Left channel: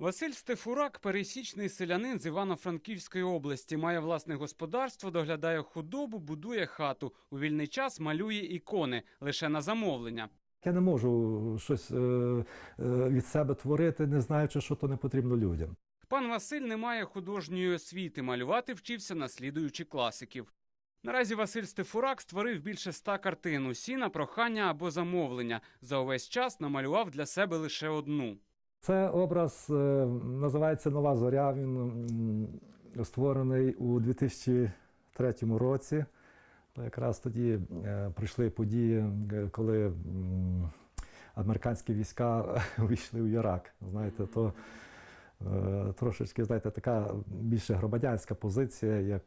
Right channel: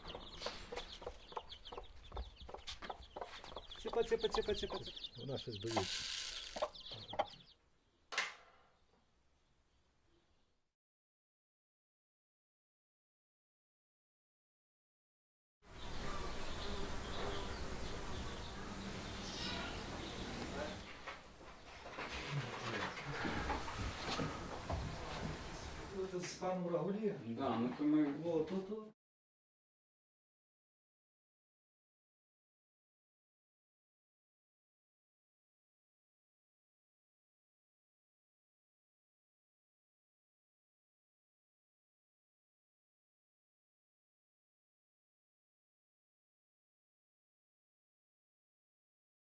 Василь Стефурак пересічний селянин з Івано-Франківської області. Має власне господарство, доглядає худобу, будує хату. У вільний час малює ікони лише на замовлення. Я не можу щось е, е, від себе творити, не знаючи, що то не потрібно людям. Пан Василь не має художньої освіти. Малювати вчився наслідуючи класиків. Наразі Василь Стефурак створив більше ста картин. Усі на прохання або замовлення. За увесь час намалював для себе лише одну. Це образ е, називається Нова зоря. Він створений у 2003 році. Якраз тоді е, прийшли події, е, коли американські війська увійшли в Ірак. Знаєте, то трошечки, знаєте, така більше громадянська позиція, як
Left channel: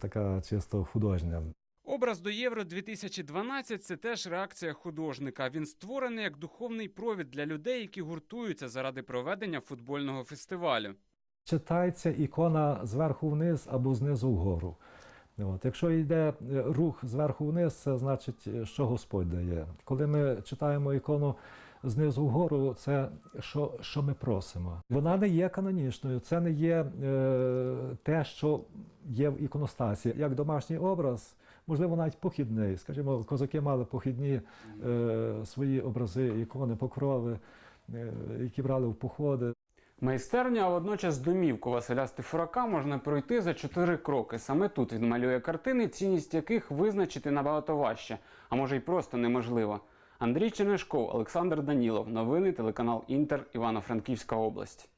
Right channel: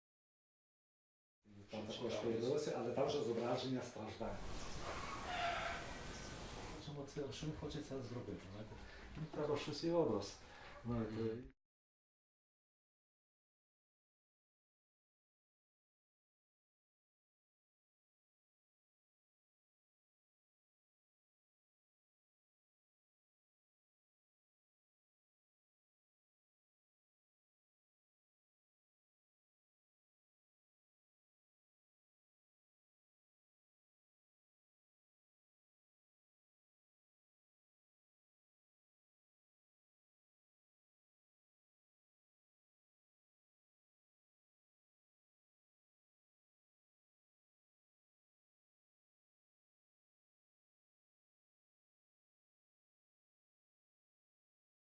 така чисто художня. Образ до Євро 2012 – це теж реакція художника. Він створений як духовний провід для людей, які гуртуються заради проведення футбольного фестивалю. Читається ікона зверху вниз або знизу вгору. От. Якщо йде е, рух зверху вниз, це значить, е, що Господь дає. Коли ми читаємо ікону знизу вгору, це що, що ми просимо. Вона не є канонічною, це не є е, те, що є в іконостасі. Як домашній образ, можливо, навіть похідний. Скажімо, козаки мали похідні е, свої образи, ікони, покрови, е, які брали в походи. Майстерню, а водночас домівку Василя Стефурака можна пройти за чотири кроки. Саме тут він малює картини, цінність яких визначити набагато важче, а може й просто неможливо. Андрій Чернишков, Олександр Данілов. Новини телеканал Інтер Івано-Франківська область.